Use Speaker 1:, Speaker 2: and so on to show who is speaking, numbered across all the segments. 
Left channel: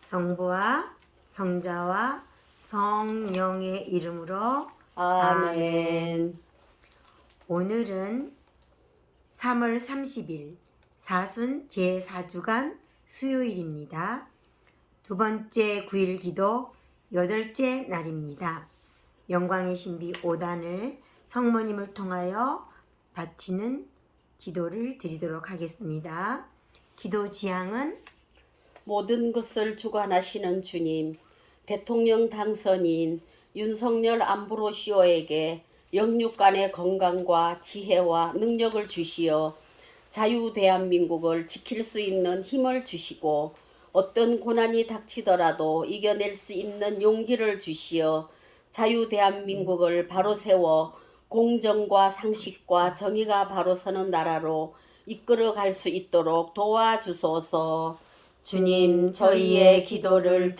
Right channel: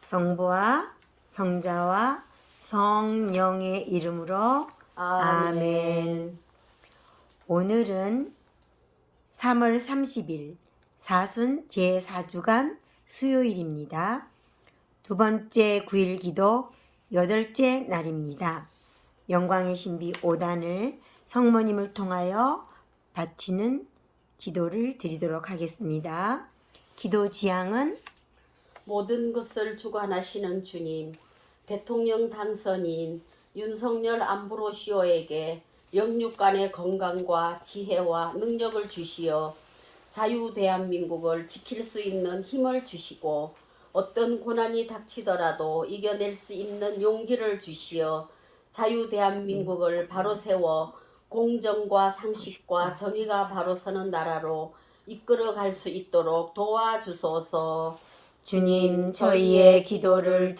Speaker 1: 성부와 성자와 성령의 이름으로 아멘. 오늘은 3월 30일 사순 제4주간 수요일입니다. 두 번째 9일 기도 8째 날입니다. 영광의 신비 5단을 성모님을 통하여 바치는 기도를 드리도록 하겠습니다. 기도 지향은
Speaker 2: 모든 것을 주관하시는 주님, 대통령 당선인 윤석열 암브로시오에게 영육간의 건강과 지혜와 능력을 주시어 자유 대한민국을 지킬 수 있는 힘을 주시고 어떤 고난이 닥치더라도 이겨낼 수 있는 용기를 주시어 자유 대한민국을 바로 세워 공정과 상식과 정의가 바로 서는 나라로 이끌어 갈 수 있도록 도와주소서.
Speaker 1: 주님 저희의 기도를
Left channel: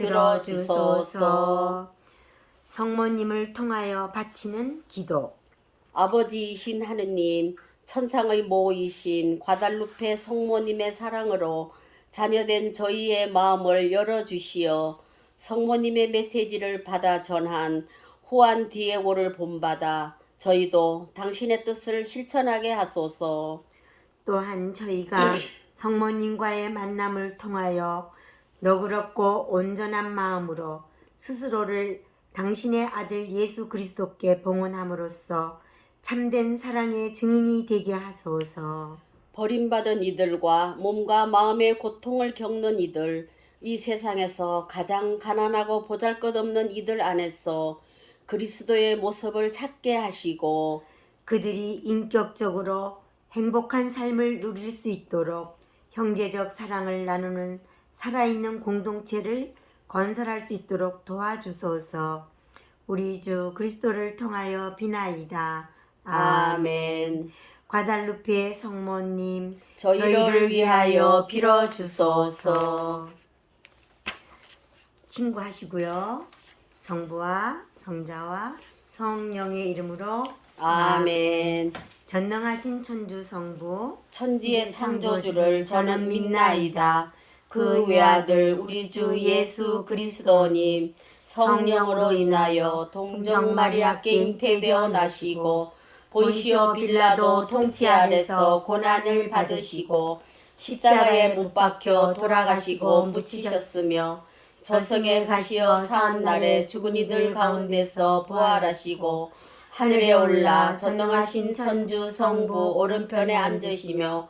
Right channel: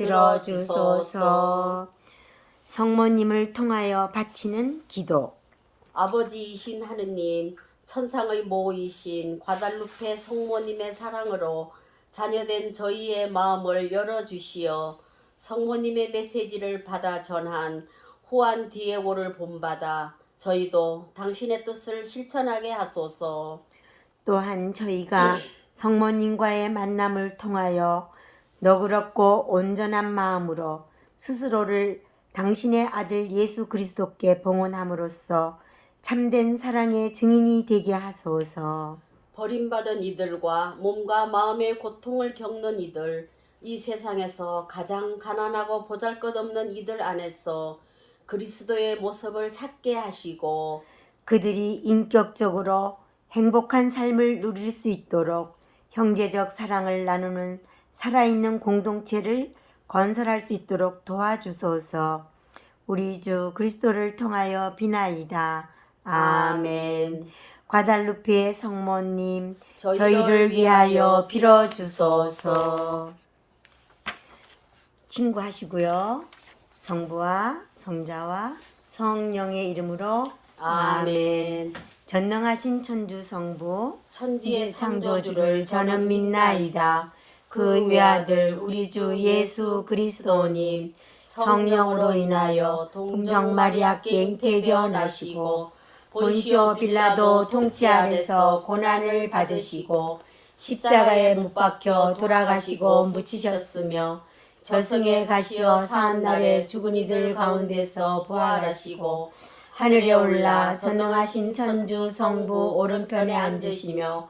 Speaker 1: 들어주소서. 성모님을 통하여 바치는 기도.
Speaker 2: 아버지이신 하느님, 천상의 모이신 과달루페 성모님의 사랑으로 자녀된 저희의 마음을 열어주시어 성모님의 메시지를 받아 전한 후안 디에고를 본받아 저희도 당신의 뜻을 실천하게 하소서.
Speaker 1: 또한 저희가 성모님과의 만남을 통하여 너그럽고 온전한 마음으로 스스로를 당신의 아들 예수 그리스도께 봉헌함으로써 참된 사랑의 증인이 되게 하소서.
Speaker 2: 버림받은 이들과 몸과 마음의 고통을 겪는 이들, 이 세상에서 가장 가난하고 보잘것없는 이들 안에서 그리스도의 모습을 찾게 하시고
Speaker 1: 그들이 인격적으로 행복한 삶을 누릴 수 있도록 형제적 사랑을 나누는 살아있는 공동체를 건설할 수 있도록 도와주소서. 우리 주 그리스도를 통하여 비나이다.
Speaker 2: 아멘.
Speaker 1: 과달루페 성모님
Speaker 2: 저희를 위하여 빌어주소서.
Speaker 1: 친구하시고요. 성부와 성자와 성령의 이름으로
Speaker 2: 아멘.
Speaker 1: 전능하신 천주 성부
Speaker 2: 천지의 창조주를 저는 믿나이다. 그 외아들 우리 주 예수 그리스도님 성령으로 인하여 동정 마리아께 잉태되어 나시고 본시오 빌라도 통치 아래서 고난을 받으시고 십자가에 못 박혀 돌아가시고 묻히셨으며 저승에 가시어 사한날에 죽은 이들 가운데서 부활하시고 하늘에 올라 전능하신 천주 성부 오른편에 앉으시며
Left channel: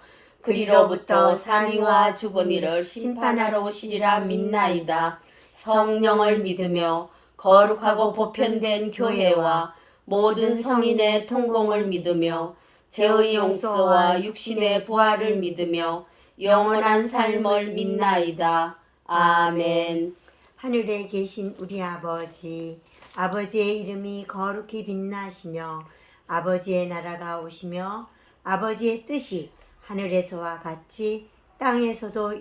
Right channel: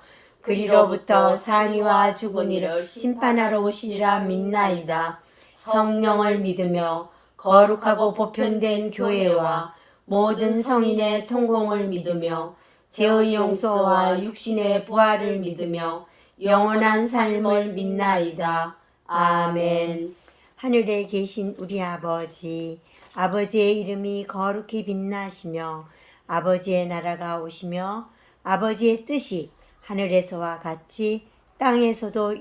Speaker 2: 그리로부터 산이와 죽은 이를 심판하러 오시리라 믿나이다. 성령을 믿으며 거룩하고 보편된 교회와 모든 성인의 통공을 믿으며 죄의 용서와 육신의 부활을 믿으며 영원한 삶을 믿나이다. 아멘.
Speaker 1: 하늘에 계신 우리 아버지, 아버지의 이름이 거룩히 빛나시며 아버지의 나라가 오시며 아버지의 뜻이 하늘에서와 같이 땅에서도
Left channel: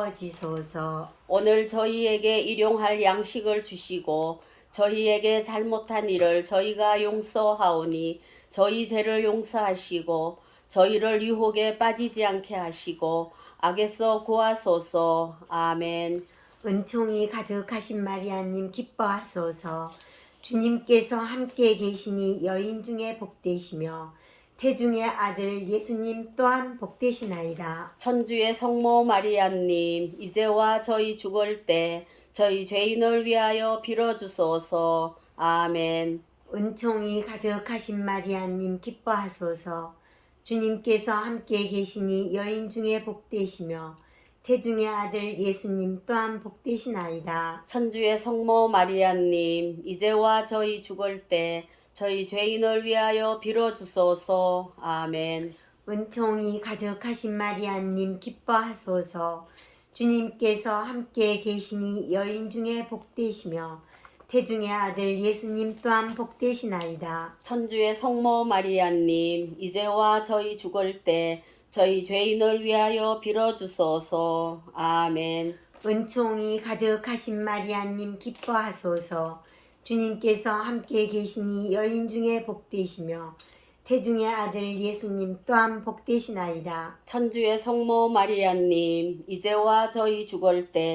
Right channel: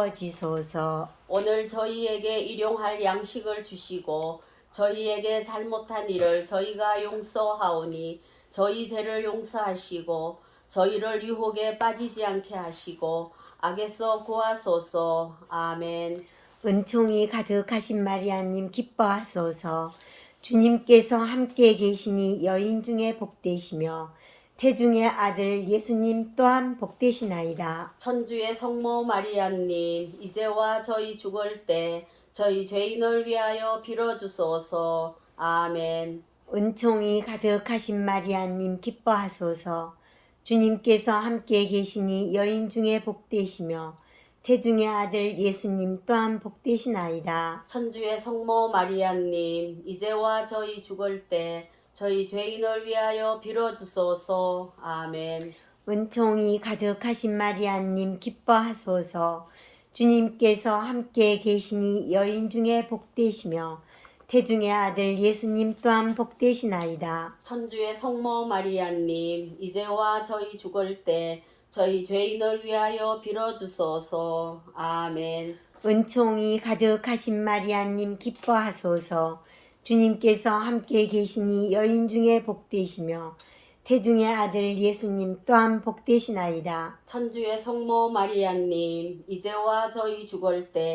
Speaker 1: 이루어지소서.
Speaker 2: 오늘 저희에게 일용할 양식을 주시고 저희에게 잘못한 일을 저희가 용서하오니 저희 죄를 용서하시고 저희를 유혹에 빠지지 않게 하시고 악에서 구하소서. 아멘.
Speaker 1: 은총이 가득하신 마리아님 기뻐하소서. 주님께서 함께 계시니 여인 중에 복되시며 태중의 아들 예수님 또한 복되시나이다.
Speaker 2: 천주의 성모 마리아님, 이제와 저희 죽을 때 저희 죄인을 위하여 빌어주소서. 아멘.
Speaker 1: 은총이 가득하신 마리아님 기뻐하소서. 주님께서 함께 계시니 여인 중에 복되시며 태중의 아들 예수님 또한 복되시나이다.
Speaker 2: 천주의 성모 마리아님, 이제와 저희 죽을 때 저희 죄인을 위하여 빌어주소서. 아멘.
Speaker 1: 은총이 가득하신 마리아님 기뻐하소서. 주님께서 함께 계시니 여인 중에 복되시며 태중의 아들 예수님 또한 복되시나이다.
Speaker 2: 천주의 성모 마리아님, 이제와 저희 죽을 때 저희 죄인을 위하여 빌어주소서. 아멘.
Speaker 1: 은총이 가득하신 마리아님 기뻐하소서. 주님께서 함께 계시니 여인 중에 복되시며 태중의 아들 예수님 또한 복되시나이다.
Speaker 2: 천주의 성모 마리아님, 이제와 저희 죽을 때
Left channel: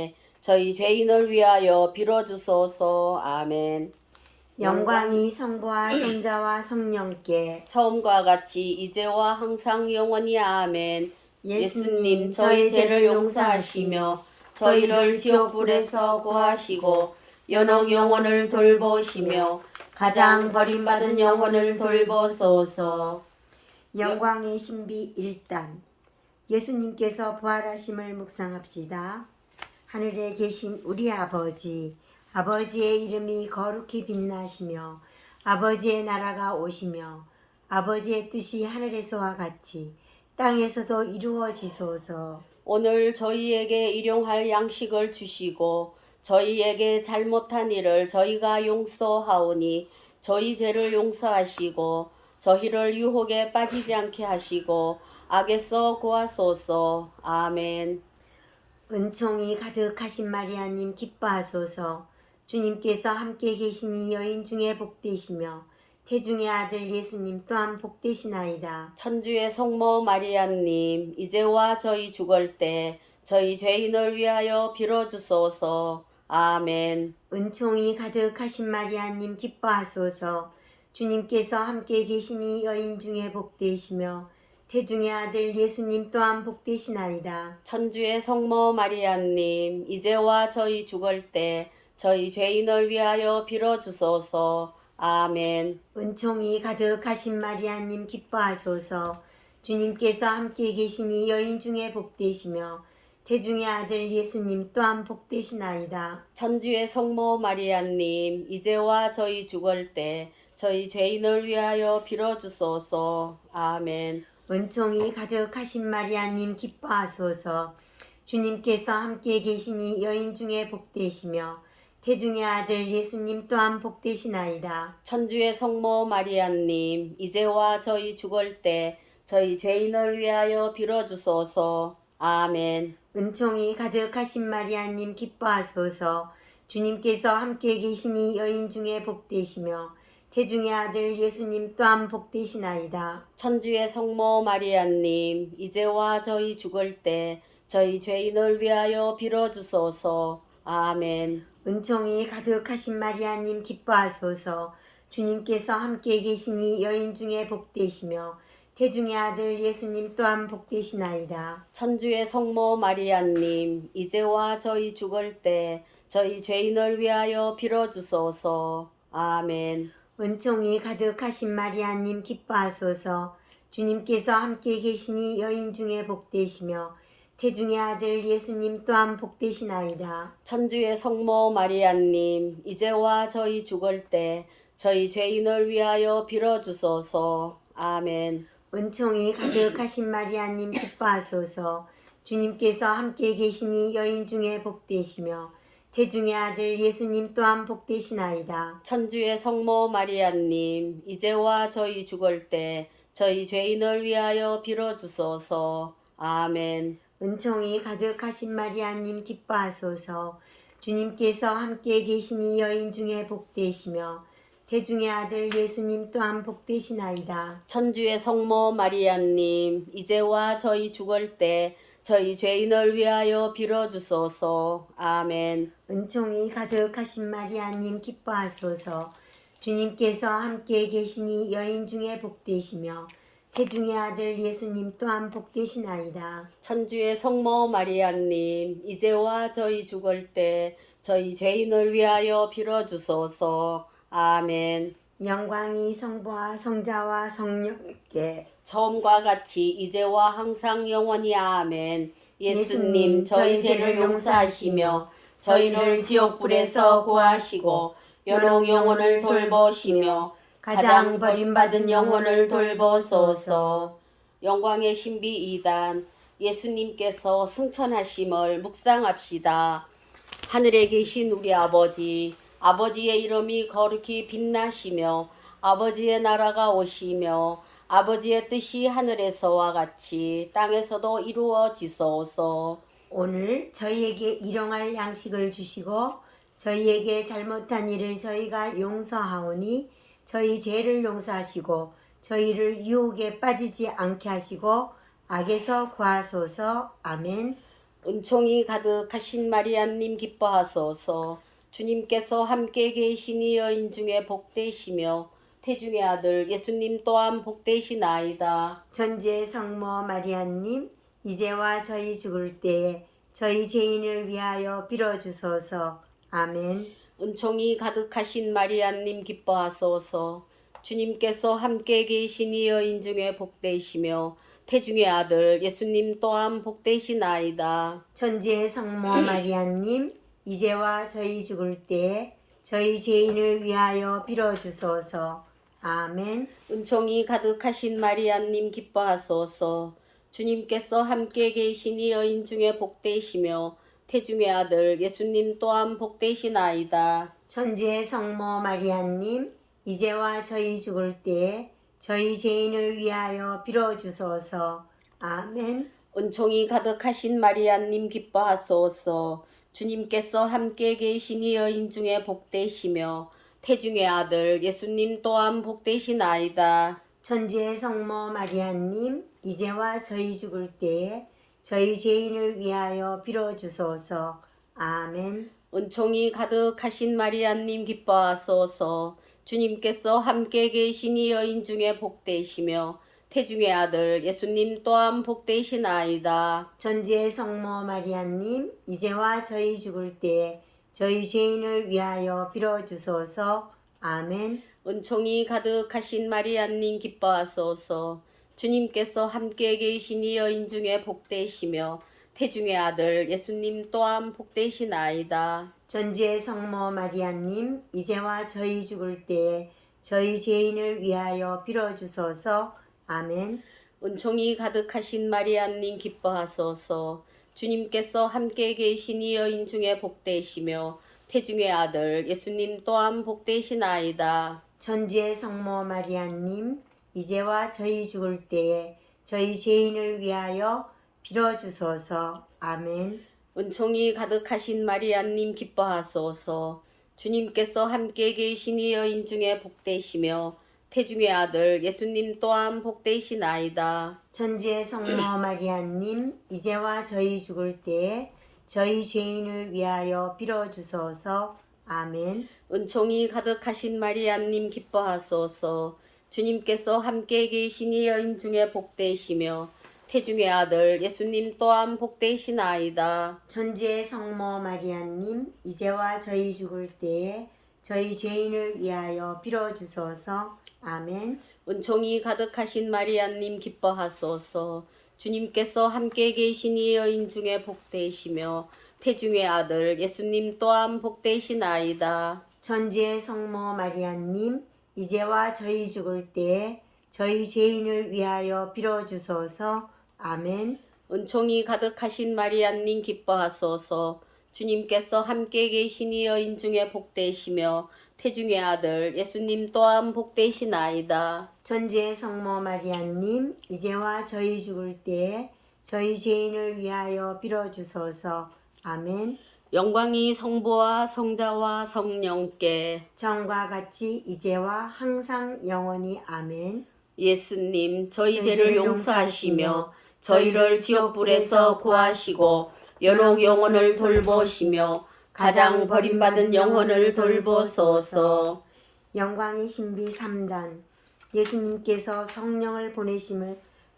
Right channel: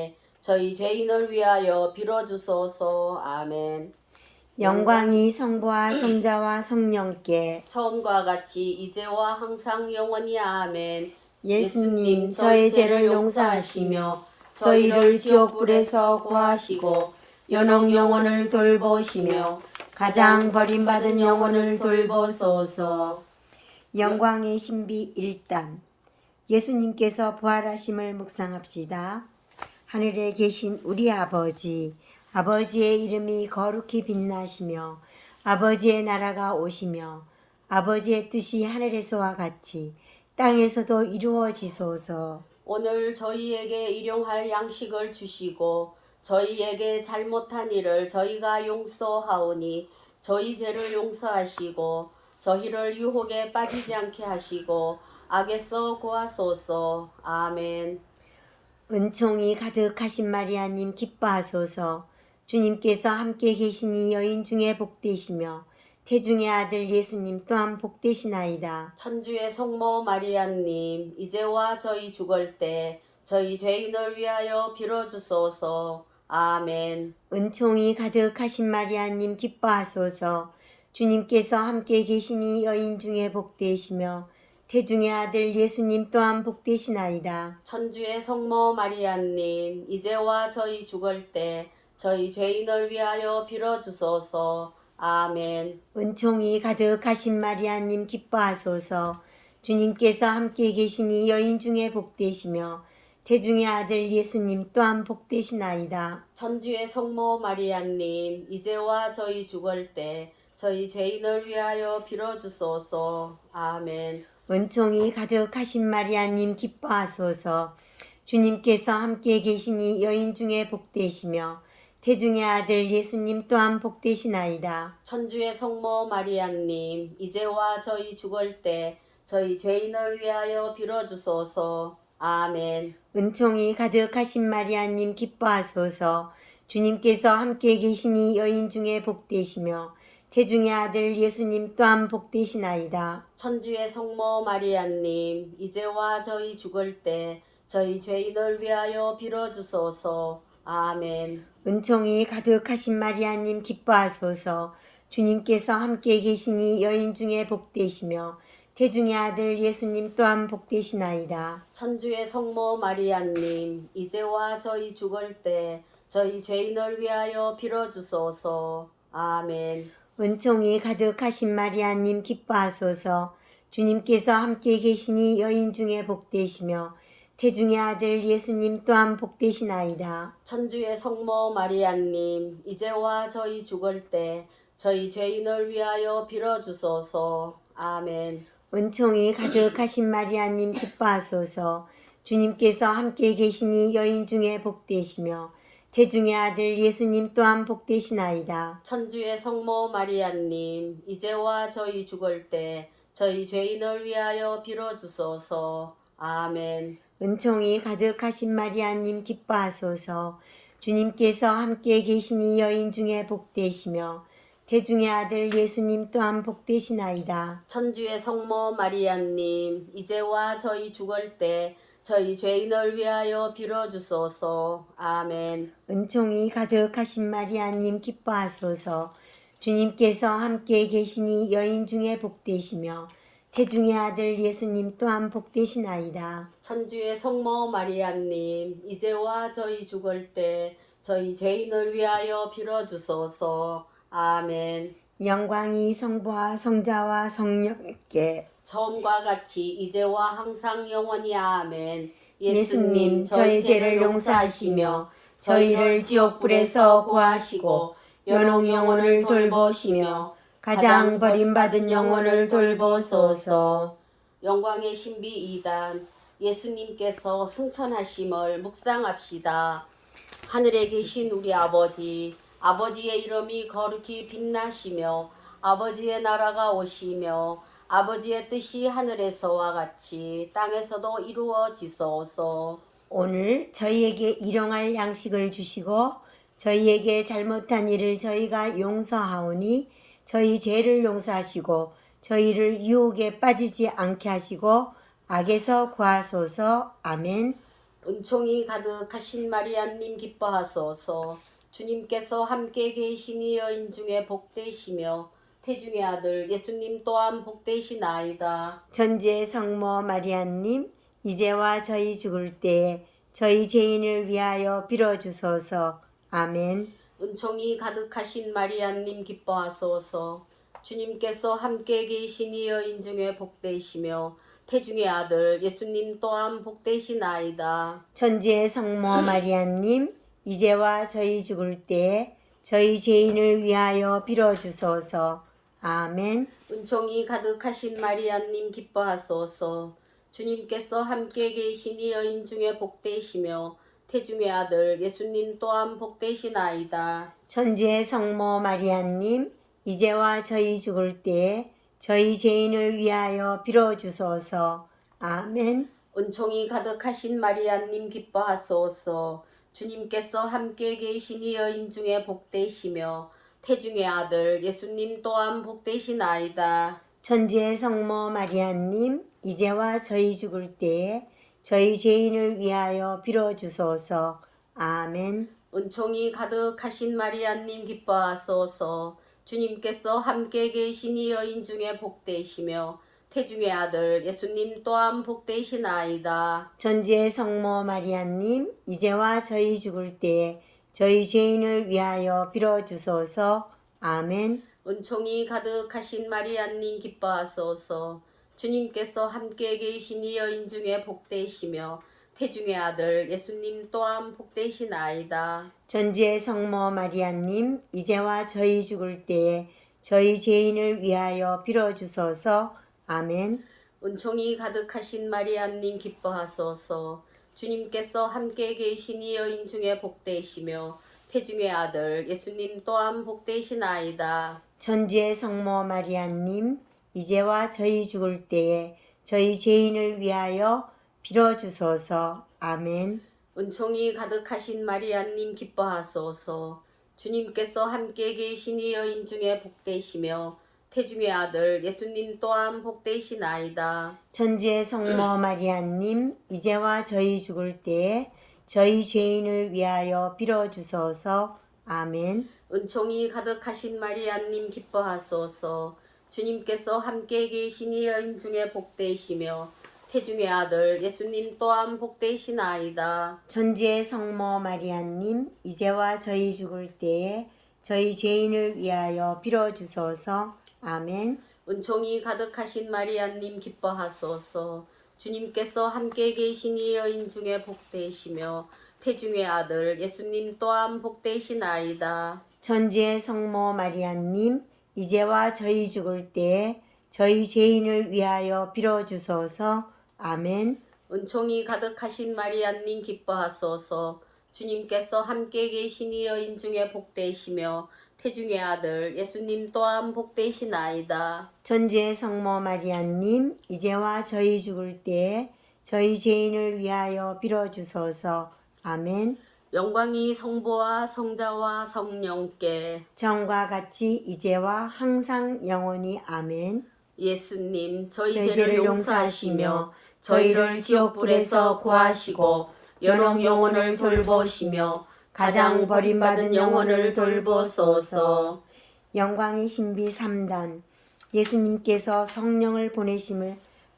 Speaker 2: 저희 죄인을 위하여 빌어주소서. 아멘.
Speaker 1: 영광이 성부와 성자와 성령께
Speaker 2: 처음과 같이 이제와 항상 영원히 아멘.
Speaker 1: 예수님 저의 죄를 용서하시며 저희를 지옥불에서 구하시고 연옥 영혼을 돌보시며 가장 버림받은 영혼을 돌보소서. 영광의 신비 1단 예수님께서 부활하심을 묵상합시다. 하늘에 계신 우리 아버지, 아버지의 이름이 거룩히 빛나시며 아버지의 나라가 오시며 아버지의 뜻이 하늘에서와 같이 땅에서도 이루어지소서.
Speaker 2: 오늘 저희에게 일용할 양식을 주시고 저희에게 잘못한 일을 저희가 용서하오니 저희 죄를 용서하시고 저희를 유혹에 빠지지 않게 하시고 악에서 구하소서. 아멘.
Speaker 1: 은총이 가득하신 마리아님 기뻐하소서. 주님께서 함께 계시니 여인 중에 복되시며 태중의 아들 예수님 또한 복되시나이다.
Speaker 2: 천주의 성모 마리아님, 이제와 저희 죽을 때 저희 죄인을 위하여 빌어주소서. 아멘.
Speaker 1: 은총이 가득하신 마리아님 기뻐하소서. 주님께서 함께 계시니 여인 중에 복되시며 태중의 아들 예수님 또한 복되시나이다.
Speaker 2: 천주의 성모 마리아님, 이제와 저희 죽을 때 저희 죄인을 위하여 빌어주소서. 아멘.
Speaker 1: 은총이 가득하신 마리아님 기뻐하소서. 주님께서 함께 계시니 여인 중에 복되시며 태중의 아들 예수님 또한 복되시나이다.
Speaker 2: 천주의 성모 마리아님, 이제와 저희 죽을 때 저희 죄인을 위하여 빌어주소서. 아멘.
Speaker 1: 은총이 가득하신 마리아님 기뻐하소서. 주님께서 함께 계시니 여인 중에 복되시며 태중의 아들 예수님 또한 복되시나이다.
Speaker 2: 천주의 성모 마리아님, 이제와 저희 죽을 때 저희 죄인을 위하여 빌어주소서. 아멘.
Speaker 1: 은총이 가득하신 마리아님 기뻐하소서. 주님께서 함께 계시니 여인 중에 복되시며 태중의 아들 예수님 또한 복되시나이다.
Speaker 2: 천주의 성모 마리아님, 이제와 저희 죽을 때 저희 죄인을 위하여 빌어주소서. 아멘.
Speaker 1: 은총이 가득하신 마리아님 기뻐하소서. 주님께서 함께 계시니 여인 중에 복되시며 태중의 아들 예수님 또한 복되시나이다.
Speaker 2: 천주의 성모 마리아님, 이제와 저희 죽을 때 저희 죄인을 위하여 빌어주소서. 아멘.
Speaker 1: 은총이 가득하신 마리아님 기뻐하소서. 주님께서 함께 계시니 여인 중에 복되시며 태중의 아들 예수님 또한 복되시나이다.
Speaker 2: 천주의 성모 마리아님, 이제와 저희 죽을 때 저희 죄인을 위하여 빌어주소서. 아멘.
Speaker 1: 은총이 가득하신 마리아님 기뻐하소서. 주님께서 함께 계시니 여인 중에 복되시며 태중의 아들 예수님 또한 복되시나이다.
Speaker 2: 천주의 성모 마리아님, 이제와 저희 죽을 때 저희 죄인을 위하여 빌어주소서. 아멘.
Speaker 1: 은총이 가득하신 마리아님 기뻐하소서. 주님께서 함께 계시니 여인 중에 복되시며 태중의 아들 예수님 또한 복되시나이다.
Speaker 2: 천주의 성모 마리아님, 이제와 저희 죽을 때 저희 죄인을 위하여 빌어주소서. 아멘.
Speaker 1: 은총이 가득하신 마리아님 기뻐하소서. 주님께서 함께 계시니 여인 중에 복되시며 태중의 아들 예수님 또한 복되시나이다.
Speaker 2: 천주의 성모 마리아님, 이제와 저희 죽을 때 저희 죄인을 위하여 빌어주소서. 아멘.
Speaker 1: 영광이 성부와 성자와 성령께
Speaker 2: 처음과 같이 이제와 항상 영원히 아멘.
Speaker 1: 예수님 저희 죄를 용서하시며 저희를 지옥불에서 구하시고 연옥 영혼을 돌보시며 가장 버림받은 영혼을 돌보소서.
Speaker 2: 영광의 신비 2단 예수님께서 승천하심을 묵상합시다. 하늘에 계신 우리 아버지, 아버지의 이름이 거룩히 빛나시며 아버지의 나라가 오시며 아버지의 뜻이 하늘에서와 같이 땅에서도 이루어지소서.
Speaker 1: 오늘 저희에게 일용할 양식을 주시고 저희에게 잘못한 일을 저희가 용서하오니 저희 죄를 용서하시고 저희를 유혹에 빠지지 않게 하시고 악에서 구하소서. 아멘.
Speaker 2: 은총이 가득하신 마리아님 기뻐하소서. 주님께서 함께 계시니 여인 중에 복되시며 태중의 아들 예수님 또한 복되시나이다.
Speaker 1: 천주의 성모 마리아님, 이제와 저희 죽을 때에 저희 죄인을 위하여 빌어주소서. 아멘.
Speaker 2: 은총이 가득하신 마리아님 기뻐하소서. 주님께서 함께 계시니 여인 중에 복되시며 태중의 아들 예수님 또한 복되시나이다.
Speaker 1: 천주의 성모 마리아님, 이제와 저희 죽을 때에 저희 죄인을 위하여 빌어주소서. 아멘.
Speaker 2: 은총이 가득하신 마리아님 기뻐하소서. 주님께서 함께 계시니 여인 중에 복되시며 태중의 아들 예수님 또한 복되시나이다.
Speaker 1: 천주의 성모 마리아님, 이제와 저희 죽을 때에 저희 죄인을 위하여 빌어주소서. 아멘.
Speaker 2: 은총이 가득하신 마리아님 기뻐하소서. 주님께서 함께 계시니 여인 중에 복되시며 태중의 아들 예수님 또한 복되시나이다.
Speaker 1: 천주의 성모 마리아님, 이제와 저희 죽을 때에 저희 죄인을 위하여 빌어주소서. 아멘.
Speaker 2: 은총이 가득하신 마리아님 기뻐하소서. 주님께서 함께 계시니 여인 중에 복되시며 태중의 아들 예수님 또한 복되시나이다.
Speaker 1: 천주의 성모 마리아님, 이제와 저희 죽을 때에 저희 죄인을 위하여 빌어주소서. 아멘.
Speaker 2: 은총이 가득하신 마리아님 기뻐하소서. 주님께서 함께 계시니 여인 중에 복되시며 태중의 아들 예수님 또한 복되시나이다.
Speaker 1: 천주의 성모 마리아님, 이제와 저희 죽을 때에 저희 죄인을 위하여 빌어주소서. 아멘.
Speaker 2: 은총이 가득하신 마리아님 기뻐하소서. 주님께서 함께 계시니 여인 중에 복되시며 태중의 아들 예수님 또한 복되시나이다.
Speaker 1: 천주의 성모 마리아님, 이제와 저희 죽을 때에 저희 죄인을 위하여 빌어주소서. 아멘.
Speaker 2: 은총이 가득하신 마리아님 기뻐하소서. 주님께서 함께 계시니 여인 중에 복되시며 태중의 아들 예수님 또한 복되시나이다.
Speaker 1: 천주의 성모 마리아님, 이제와 저희 죽을 때에 저희 죄인을 위하여 빌어주소서. 아멘.
Speaker 2: 은총이 가득하신 마리아님 기뻐하소서. 주님께서 함께 계시니 여인 중에 복되시며 태중의 아들 예수님 또한 복되시나이다.
Speaker 1: 천주의 성모 마리아님, 이제와 저희 죽을 때에 저희 죄인을 위하여 빌어주소서. 아멘.
Speaker 2: 은총이 가득하신 마리아님 기뻐하소서. 주님께서 함께 계시니 여인 중에 복되시며 태중의 아들 예수님 또한 복되시나이다.
Speaker 1: 천주의 성모 마리아님, 이제와 저희 죽을 때에 저희 죄인을 위하여 빌어주소서. 아멘.
Speaker 2: 은총이 가득하신 마리아님 기뻐하소서. 주님께서 함께 계시니 여인 중에 복되시며 태중의 아들 예수님 또한 복되시나이다.
Speaker 1: 천주의 성모 마리아님, 이제와 저희 죽을 때에 저희 죄인을 위하여 빌어주소서. 아멘.
Speaker 2: 영광이 성부와 성자와 성령께
Speaker 1: 전과 같이 이제와 항상 영원히. 아멘.
Speaker 2: 예수님 저희 죄를 용서하시며 저희를 지옥불에서 구하시고 여러 영혼을 돌보시며 가장 버림받은 영혼을 돌보소서.
Speaker 1: 영광의 신비 3단. 예수님께서 성령을 보내심을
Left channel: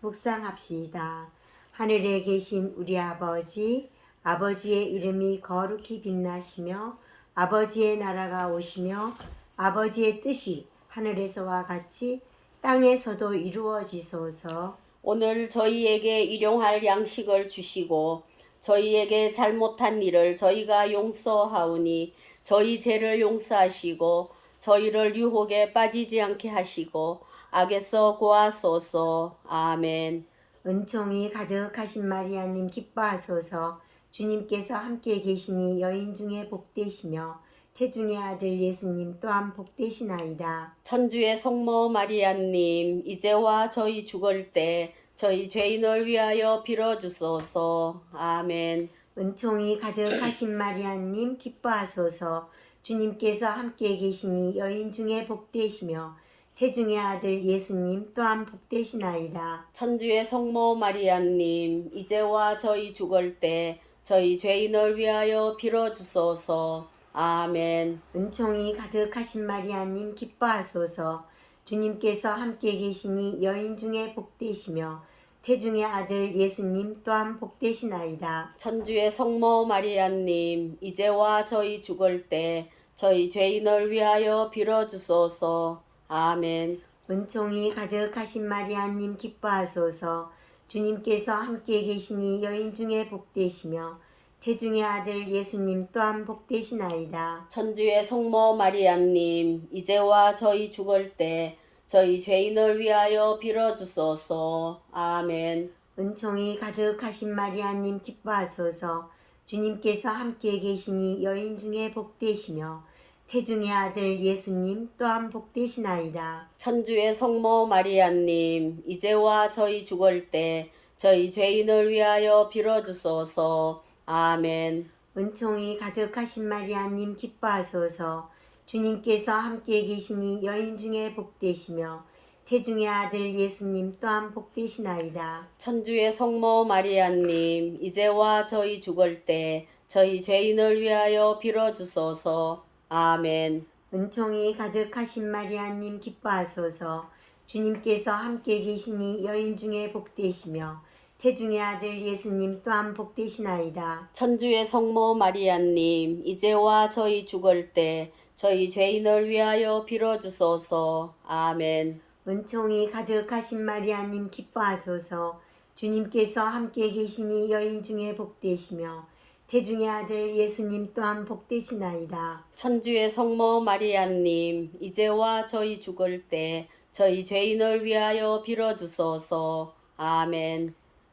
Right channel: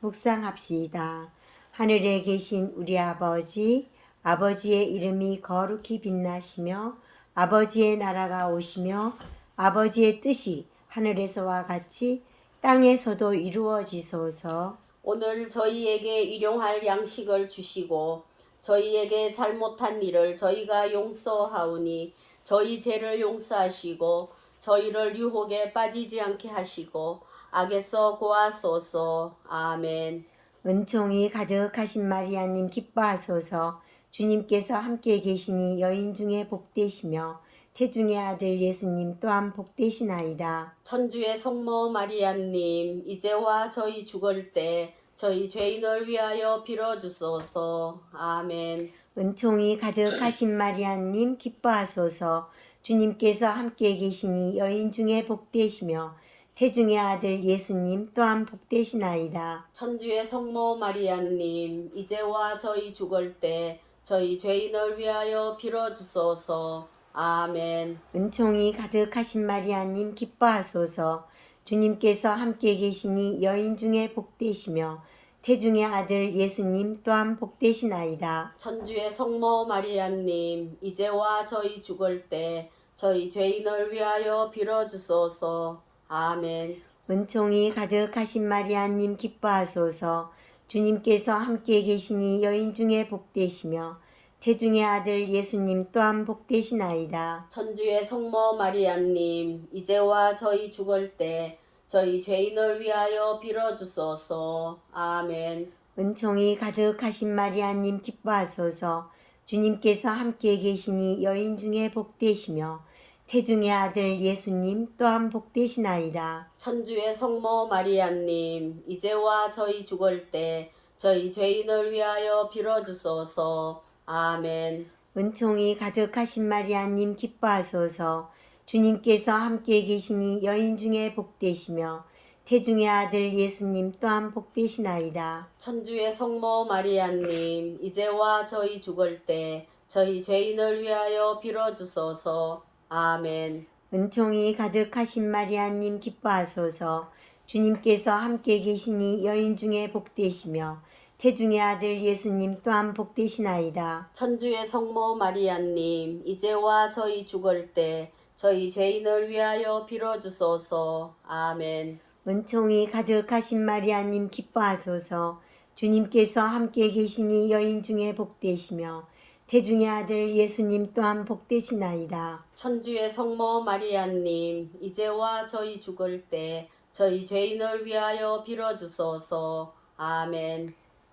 Speaker 1: 묵상합시다. 하늘에 계신 우리 아버지, 아버지의 이름이 거룩히 빛나시며 아버지의 나라가 오시며 아버지의 뜻이 하늘에서와 같이 땅에서도 이루어지소서.
Speaker 2: 오늘 저희에게 일용할 양식을 주시고 저희에게 잘못한 일을 저희가 용서하오니 저희 죄를 용서하시고 저희를 유혹에 빠지지 않게 하시고 악에서 구하소서. 아멘.
Speaker 1: 은총이 가득하신 마리아님 기뻐하소서. 주님께서 함께 계시니 여인 중에 복되시며 태중의 아들 예수님 또한 복되시나이다.
Speaker 2: 천주의 성모 마리아님 이제와 저희 죽을 때 저희 죄인을 위하여 빌어주소서. 아멘.
Speaker 1: 은총이 가득하신 마리아님 기뻐하소서. 주님께서 함께 계시니 여인 중에 복되시며 태중의 아들 예수님 또한 복되시나이다.
Speaker 2: 천주의 성모 마리아님 이제와 저희 죽을 때 저희 죄인을 위하여 빌어주소서. 아멘.
Speaker 1: 은총이 가득하신 마리아님 기뻐하소서. 주님께서 함께 계시니 여인 중에 복되시며 태중의 아들 예수님 또한 복되시나이다.
Speaker 2: 천주의 성모 마리아님, 이제와 저희 죽을 때 저희 죄인을 위하여 빌어주소서. 아멘.
Speaker 1: 은총이 가득하신 마리아님 기뻐하소서. 주님께서 함께 계시니 여인 중에 복되시며 태중의 아들 예수님 또한 복되시나이다.
Speaker 2: 천주의 성모 마리아님, 이제와 저희 죽을 때 저희 죄인을 위하여 빌어주소서. 아멘.
Speaker 1: 은총이 가득하신 마리아님 기뻐하소서. 주님께서 함께 계시니 여인 중에 복되시며 태중의 아들 예수님 또한 복되시나이다.
Speaker 2: 천주의 성모 마리아님, 이제와 저희 죽을 때 저희 죄인을 위하여 빌어주소서. 아멘.
Speaker 1: 은총이 가득하신 마리아님 기뻐하소서. 주님께서 함께 계시니 여인 중에 복되시며 태중의 아들 예수님 또한 복되시나이다.
Speaker 2: 천주의 성모 마리아님, 이제와 저희 죽을 때 저희 죄인을 위하여 빌어주소서. 아멘.
Speaker 1: 은총이 가득하신 마리아님 기뻐하소서. 주님께서 함께 계시니 여인 중에 복되시며 태중의 아들 예수님 또한 복되시나이다.
Speaker 2: 천주의 성모 마리아님, 이제와 저희 죽을 때 저희 죄인을 위하여 빌어주소서. 아멘.
Speaker 1: 은총이 가득하신 마리아님 기뻐하소서. 주님께서 함께 계시니 여인 중에 복되시며 태중의 아들 예수님 또한 복되시나이다.
Speaker 2: 천주의 성모 마리아님, 이제와 저희 죽을 때 저희 죄인을 위하여 빌어주소서. 아멘.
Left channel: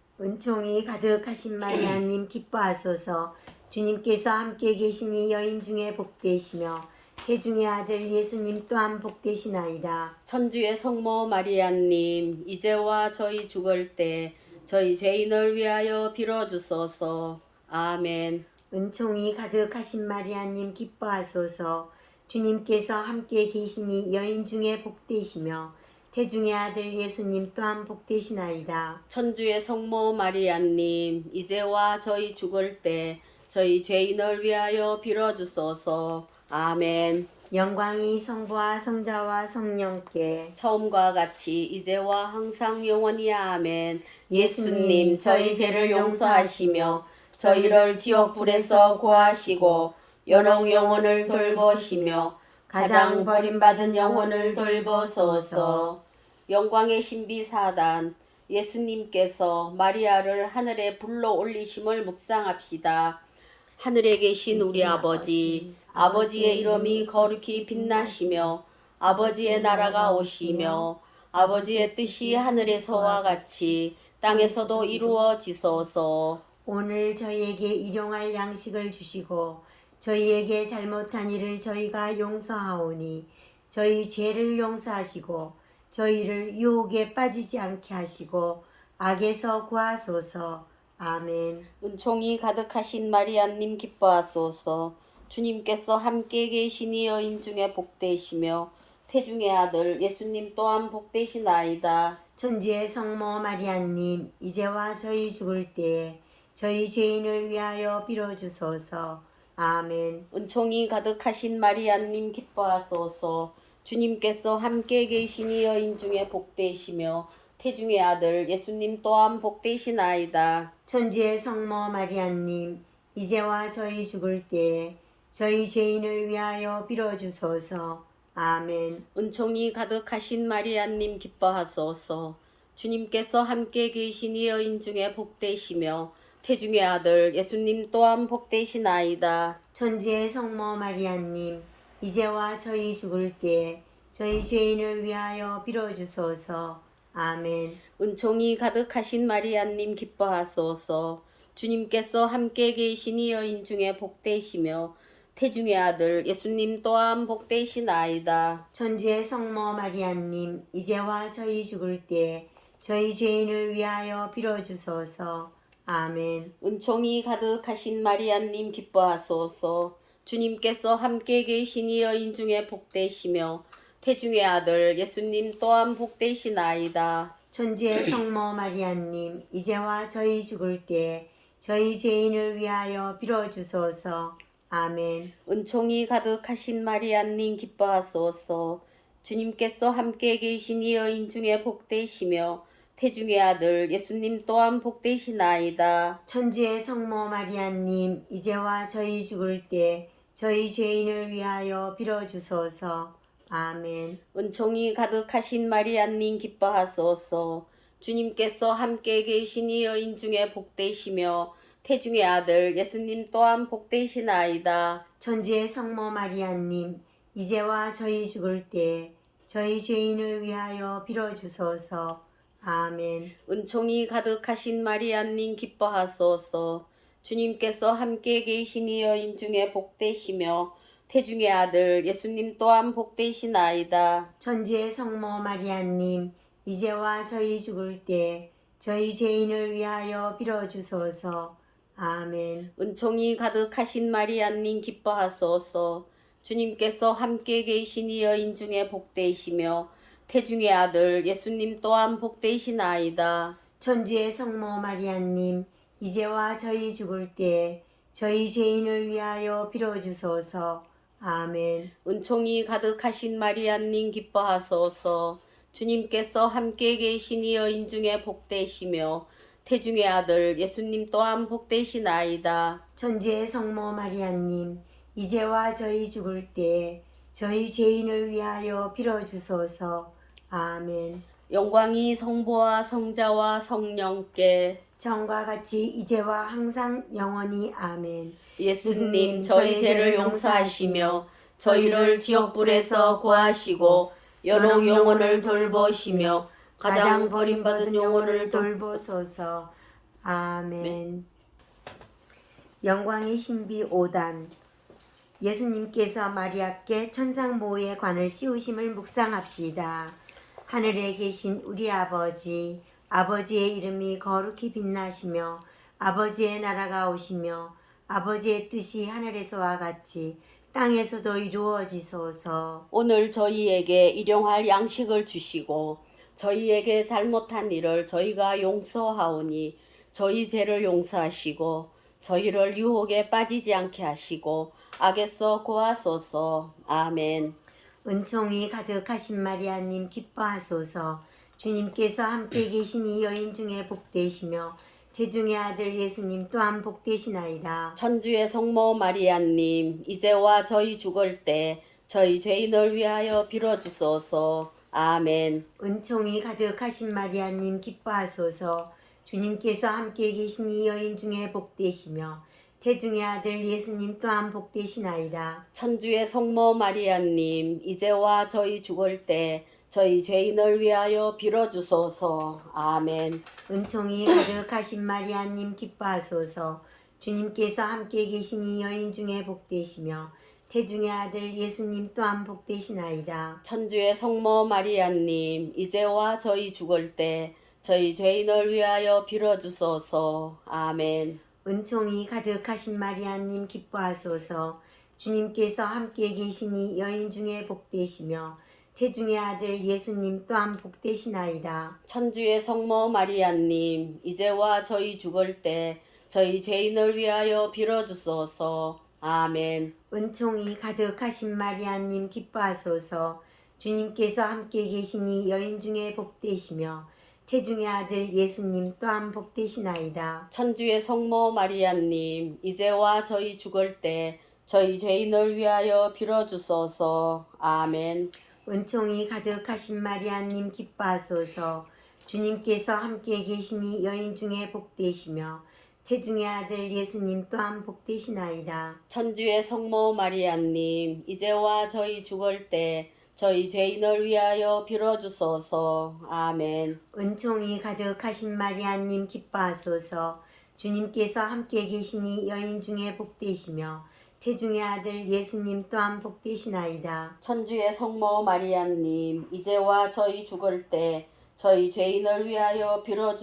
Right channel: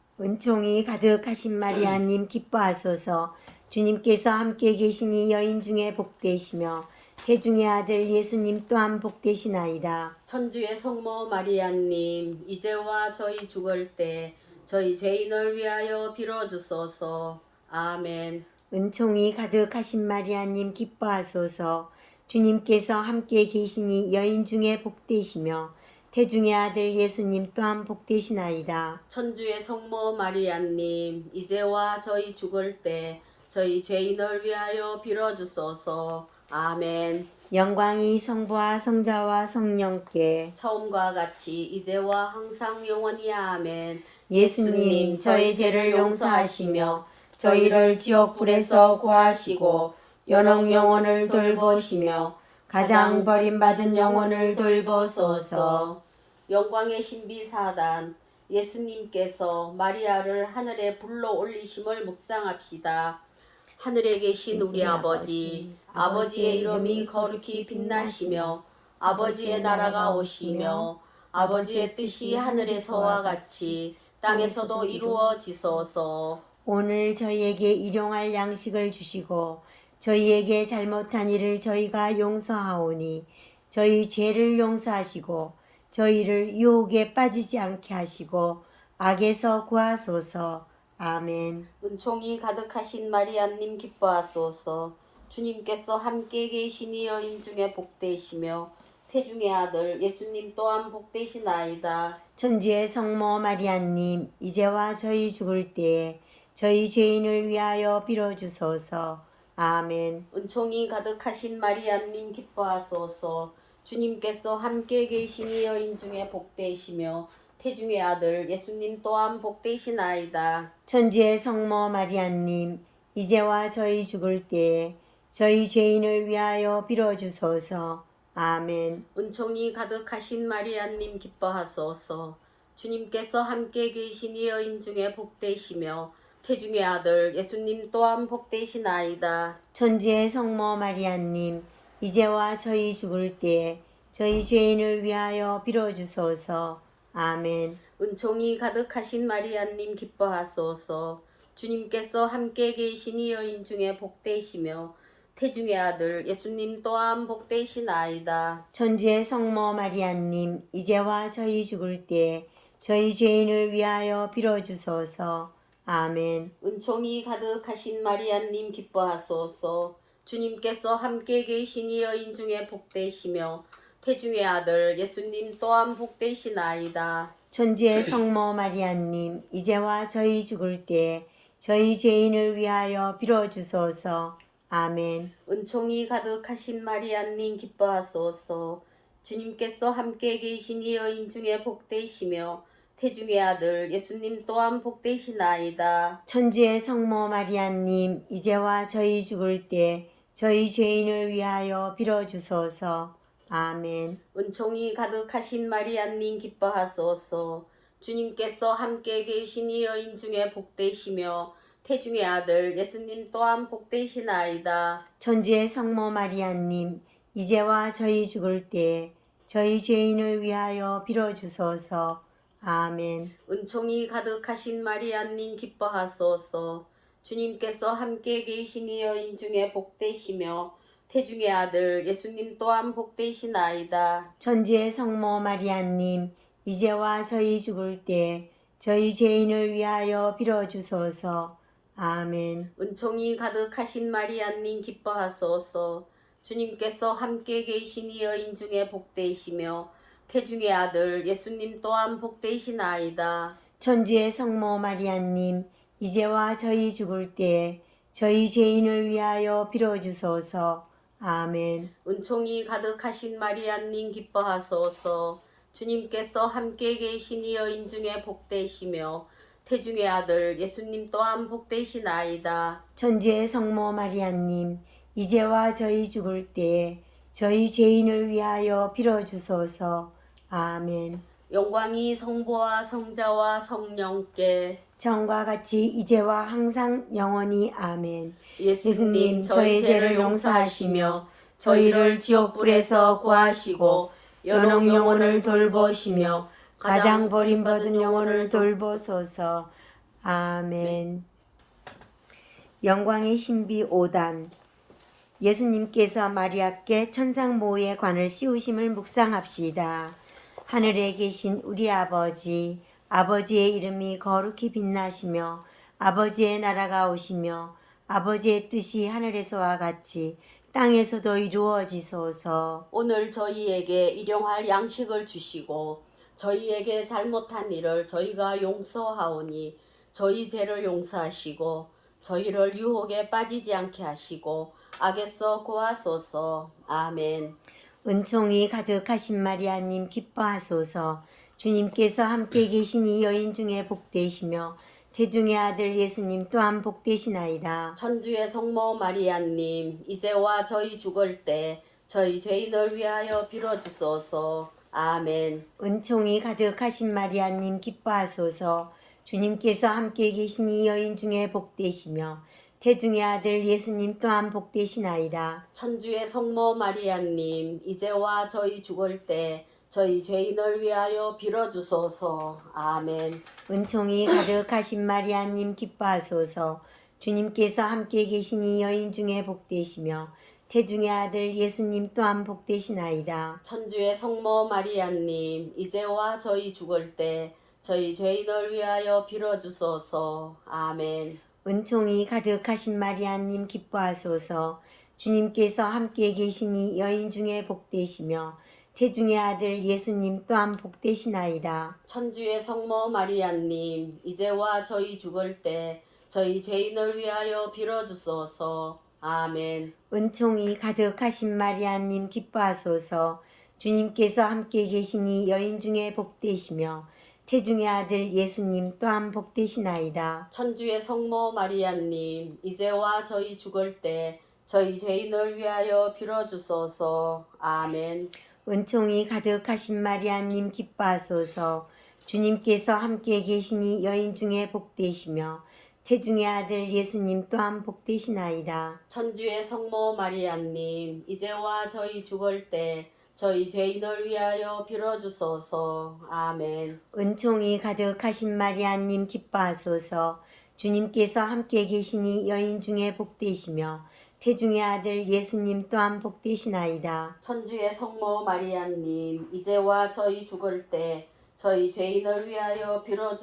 Speaker 1: 은총이 가득하신 마리아님 기뻐하소서. 주님께서 함께 계시니 여인 중에 복되시며 태중의 아들 예수님 또한 복되시나이다.
Speaker 2: 천주의 성모 마리아님, 이제와 저희 죽을 때 저희 죄인을 위하여 빌어주소서. 아멘.
Speaker 1: 은총이 가득하신 마리아님 기뻐하소서. 주님께서 함께 계시니 여인 중에 복되시며 태중의 아들 예수님 또한 복되시나이다.
Speaker 2: 천주의 성모 마리아님, 이제와 저희 죽을 때 저희 죄인을 위하여 빌어주소서. 아멘.
Speaker 1: 영광이 성부와 성자와 성령께
Speaker 2: 처음과 같이 이제와 항상 영원히 아멘.
Speaker 1: 예수님 저희 죄를 용서하시며 저희를 지옥불에서 구하시고 연옥 영혼을 돌보시며 가장 버림받은 영혼을 돌보소서.
Speaker 2: 영광의 신비 사단 예수님께서 마리아를 하늘에 불러 올리심을 묵상합시다. 하늘에 계신 우리 아버지, 아버지의 이름이 거룩히 빛나시며 아버지의 나라가 오시며 아버지의 뜻이 하늘에서와 같이 땅에서도 이루어지소서.
Speaker 1: 오늘 저희에게 일용할 양식을 주시고 저희에게 잘못한 일을 저희가 용서하오니 저희 죄를 용서하시고 저희를 유혹에 빠지지 않게 하시고 악에서 구하소서. 아멘.
Speaker 2: 은총이 가득하신 마리아님 기뻐하소서. 주님께서 함께 계시니 여인 중에 복되시며 태중의 아들 예수님 또한 복되시나이다.
Speaker 1: 천주의 성모 마리아님 이제와 저희 죽을 때에 저희 죄인을 위하여 빌어주소서. 아멘.
Speaker 2: 은총이 가득하신 마리아님 기뻐하소서. 주님께서 함께 계시니 여인 중에 복되시며 태중의 아들 예수님 또한 복되시나이다.
Speaker 1: 천주의 성모 마리아님 이제와 저희 죽을 때에 저희 죄인을 위하여 빌어주소서. 아멘.
Speaker 2: 은총이 가득하신 마리아님 기뻐하소서. 주님께서 함께 계시니 여인 중에 복되시며 태중의 아들 예수님 또한 복되시나이다.
Speaker 1: 천주의 성모 마리아님 이제와 저희 죽을 때에 저희 죄인을 위하여 빌어주소서. 아멘.
Speaker 2: 은총이 가득하신 마리아님 기뻐하소서. 주님께서 함께 계시니 여인 중에 복되시며 태중의 아들 예수님 또한 복되시나이다.
Speaker 1: 천주의 성모 마리아님 이제와 저희 죽을 때에 저희 죄인을 위하여 빌어주소서. 아멘.
Speaker 2: 은총이 가득하신 마리아님 기뻐하소서. 주님께서 함께 계시니 여인 중에 복되시며 태중의 아들 예수님 또한 복되시나이다.
Speaker 1: 천주의 성모 마리아님 이제와 저희 죽을 때에 저희 죄인을 위하여 빌어주소서. 아멘.
Speaker 2: 은총이 가득하신 마리아님 기뻐하소서. 주님께서 함께 계시니 여인 중에 복되시며 태중의 아들 예수님 또한 복되시나이다.
Speaker 1: 천주의 성모 마리아님, 이제와 저희 죽을 때 저희 죄인을 위하여 빌어주소서. 아멘.
Speaker 2: 은총이 가득하신 마리아님 기뻐하소서. 주님께서 함께 계시니 여인 중에 복되시며 태중의 아들 예수님 또한 복되시나이다.
Speaker 1: 천주의 성모 마리아님, 이제와 저희 죽을 때 저희 죄인을 위하여 빌어주소서. 아멘.
Speaker 2: 은총이 가득하신 마리아님 기뻐하소서. 주님께서 함께 계시니 여인 중에 복되시며 태중의 아들 예수님 또한 복되시나이다.
Speaker 1: 천주의 성모 마리아님, 이제와 저희 죽을 때 저희 죄인을 위하여 빌어주소서. 아멘.
Speaker 2: 은총이 가득하신 마리아님 기뻐하소서. 주님께서 함께 계시니 여인 중에 복되시며 태중의 아들 예수님 또한 복되시나이다.
Speaker 1: 천주의 성모 마리아님, 이제와 저희 죽을 때 저희 죄인을 위하여 빌어주소서. 아멘.
Speaker 2: 은총이 가득하신 마리아님 기뻐하소서. 주님께서 함께 계시니 여인 중에 복되시며 태중의 아들 예수님 또한 복되시나이다.
Speaker 1: 천주의 성모 마리아님, 이제와 저희 죽을 때 저희 죄인을 위하여 빌어주소서. 아멘.
Speaker 2: 영광이 성부와 성자와 성령께
Speaker 1: 전과 같이 이제와 항상 영원히 아멘.
Speaker 2: 예수님 저희 죄를 용서하시며 저희를 지옥불에서 구하시고 연옥 영혼을 돌보시며
Speaker 1: 가장 버림받은 영혼을 돌보소서. 아멘. 영광의 신비 5단. 예수님께서 마리아께 천상모의 관을 씌우심을 묵상합시다. 하늘에 계신 우리 아버지, 아버지의 이름이 거룩히 빛나시며 아버지의 나라가 오시며 아버지의 뜻이 하늘에서와 같이 땅에서도 이루어지소서.
Speaker 2: 오늘 저희에게 일용할 양식을 주시고 저희에게 잘못한 일을 저희가 용서하오니 저희 죄를 용서하시고 저희를 유혹에 빠지지 않게 하시고 악에서 구하소서. 아멘.
Speaker 1: 은총이 가득하신 마리아님 기뻐하소서. 주님께서 함께 계시니 여인 중에 복되시며 태중의 아들 예수님 또한 복되시나이다.
Speaker 2: 천주의 성모 마리아님 이제와 저희 죽을 때 저희 죄인을 위하여 빌어주소서. 아멘.
Speaker 1: 은총이 가득하신 마리아님 기뻐하소서. 주님께서 함께 계시니 여인 중에 복되시며 태중의 아들 예수님 또한 복되시나이다.
Speaker 2: 천주의 성모 마리아님 이제와 저희 죽을 때 저희 죄인을 위하여 빌어주소서. 아멘.
Speaker 1: 은총이 가득하신 마리아님 기뻐하소서. 주님께서 함께 계시니 여인 중에 복되시며 태중의 아들 예수님 또한 복되시나이다.
Speaker 2: 천주의 성모 마리아님 이제와 저희 죽을 때 저희 죄인을 위하여 빌어주소서. 아멘.
Speaker 1: 은총이 가득하신 마리아님 기뻐하소서. 주님께서 함께 계시니 여인 중에 복되시며 태중의 아들 예수님 또한 복되시나이다.
Speaker 2: 천주의 성모 마리아님 이제와 저희 죽을 때 저희 죄인을 위하여 빌어주소서. 아멘.
Speaker 1: 은총이 가득하신 마리아님 기뻐하소서. 주님께서 함께 계시니 여인 중에 복되시며 태중의 아들 예수님 또한 복되시나이다.
Speaker 2: 천주의 성모 마리아님 이제와 저희 죽을 때 저희 죄인을 위하여 빌어주소서. 아멘.
Speaker 1: 은총이 가득하신 마리아님 기뻐하소서. 주님께서 함께 계시니 여인 중에 복되시며 태중의 아들 예수님 또한 복되시나이다.
Speaker 2: 천주의 성모 마리아님 이제와 저희 죽을 때 저희 죄인을 위하여 빌어주소서. 아멘.
Speaker 1: 은총이 가득하신 마리아님 기뻐하소서. 주님께서 함께 계시니 여인 중에 복되시며 태중의 아들 예수님 또한 복되시나이다.
Speaker 2: 천주의 성모 마리아님 이제와 저희 죽을 때 저희 죄인을 위하여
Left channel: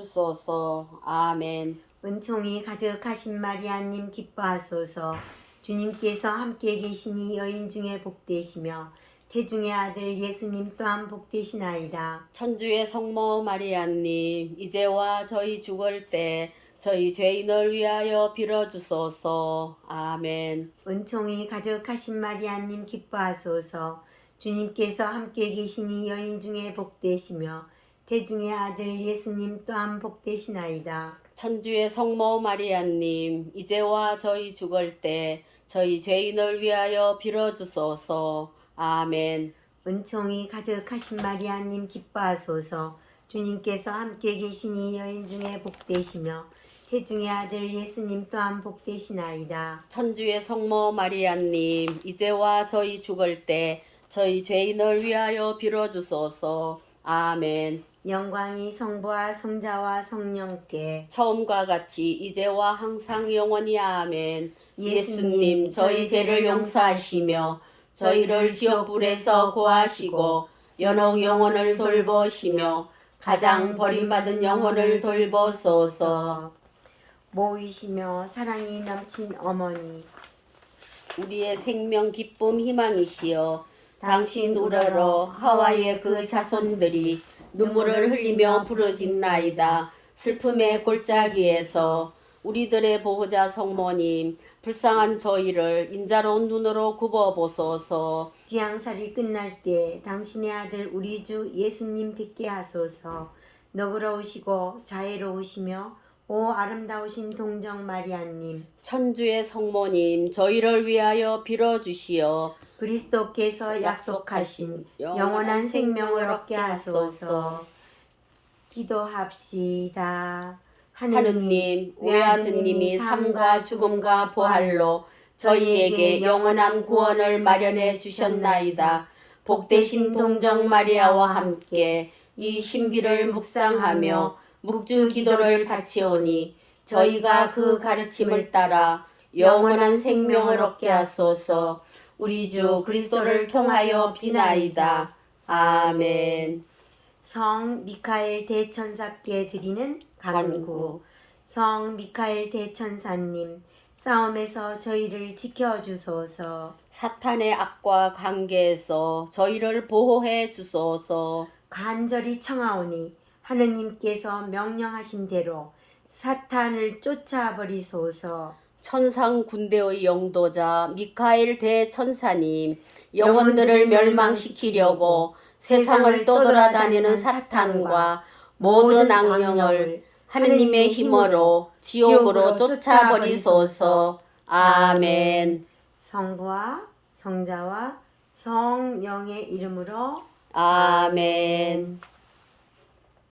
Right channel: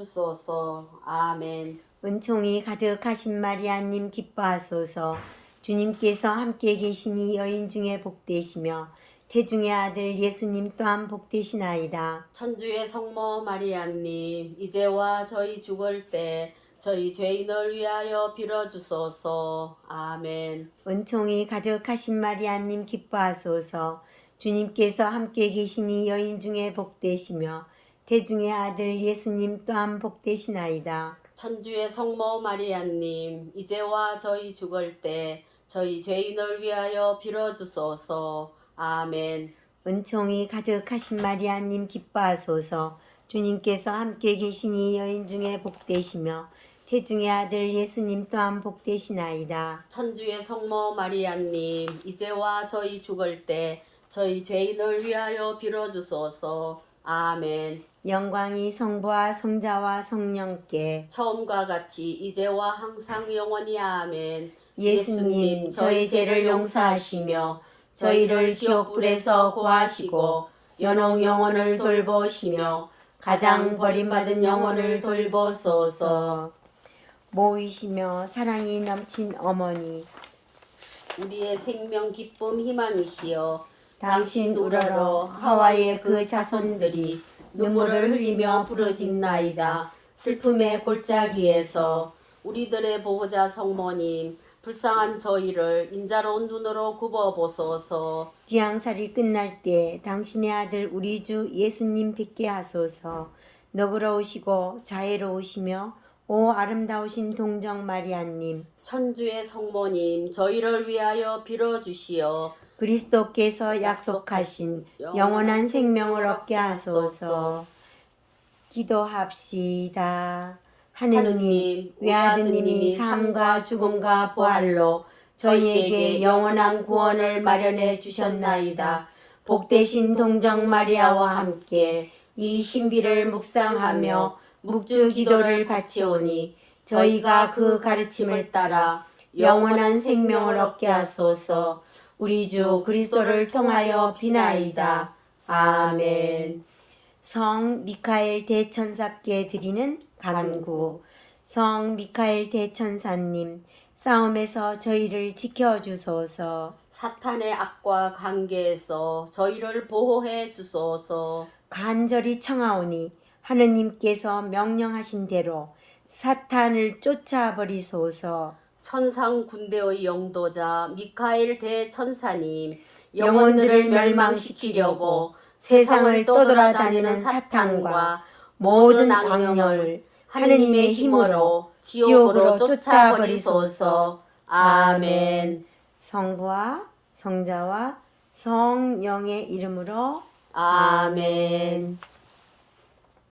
Speaker 2: 빌어주소서. 아멘.
Speaker 1: 은총이 가득하신 마리아님 기뻐하소서. 주님께서 함께 계시니 여인 중에 복되시며 태중의 아들 예수님 또한 복되시나이다.
Speaker 2: 천주의 성모 마리아님 이제와 저희 죽을 때 저희 죄인을 위하여 빌어주소서. 아멘.
Speaker 1: 은총이 가득하신 마리아님 기뻐하소서. 주님께서 함께 계시니 여인 중에 복되시며 태중의 아들 예수님 또한 복되시나이다.
Speaker 2: 천주의 성모 마리아님, 이제와 저희 죽을 때 저희 죄인을 위하여 빌어주소서. 아멘.
Speaker 1: 은총이 가득하신 마리아님 기뻐하소서. 주님께서 함께 계시니 여인 중에 복되시며 태중의 아들 예수님 또한 복되시나이다.
Speaker 2: 천주의 성모 마리아님, 이제와 저희 죽을 때 저희 죄인을 위하여 빌어주소서. 아멘.
Speaker 1: 영광이 성부와 성자와 성령께
Speaker 2: 처음과 같이 이제와 항상 영원히 아멘.
Speaker 1: 예수님 저희 죄를 용서하시며
Speaker 2: 저희를 지옥불에서 구하시고 연옥 영혼을 돌보시며 가장 버림받은 영혼을 돌보소서.
Speaker 1: 모이시며 사랑이 넘친 어머니
Speaker 2: 우리의 생명 기쁨 희망이시여, 당신 우러러 하와의 그 자손들이 눈물을 흘리며 부르짖나이다. 슬픔의 골짜기에서 우리들의 보호자 성모님, 불쌍한 저희를 인자로운 눈으로 굽어보소서.
Speaker 1: 귀양살이 끝날 때 당신의 아들 우리 주 예수님 뵙게 하소서. 너그러우시고 자애로우시며 오 아름다우신 동정 마리아님,
Speaker 2: 천주의 성모님, 저희를 위하여 빌어주시어.
Speaker 1: 그리스도께서 약속하신 영원한 생명을 얻게 하소서. 기도합시다. 하느님, 외아드님이 삶과 죽음과 부활로 저희에게 영원한 구원을 마련해 주셨나이다. 복되신 동정 마리아와 함께 이 신비를 묵상하며 묵주 기도를 바치오니 저희가 그 가르침을 따라 영원한 생명을 얻게 하소서. 우리 주 그리스도를 통하여 비나이다. 아멘. 성 미카엘 대천사께 드리는 간구. 성 미카엘 대천사님, 싸움에서 저희를 지켜주소서.
Speaker 2: 사탄의 악과 관계에서 저희를 보호해 주소서.
Speaker 1: 간절히 청하오니 하느님께서 명령하신 대로 사탄을 쫓아버리소서.
Speaker 2: 천상 군대의 영도자 미카엘 대천사님, 영혼들을 멸망시키려고 세상을 떠돌아다니는 사탄과 모든 악령을 하느님의 힘으로 지옥으로 쫓아버리소서. 아멘.
Speaker 1: 성부와 성자와 성령의 이름으로
Speaker 2: 아멘.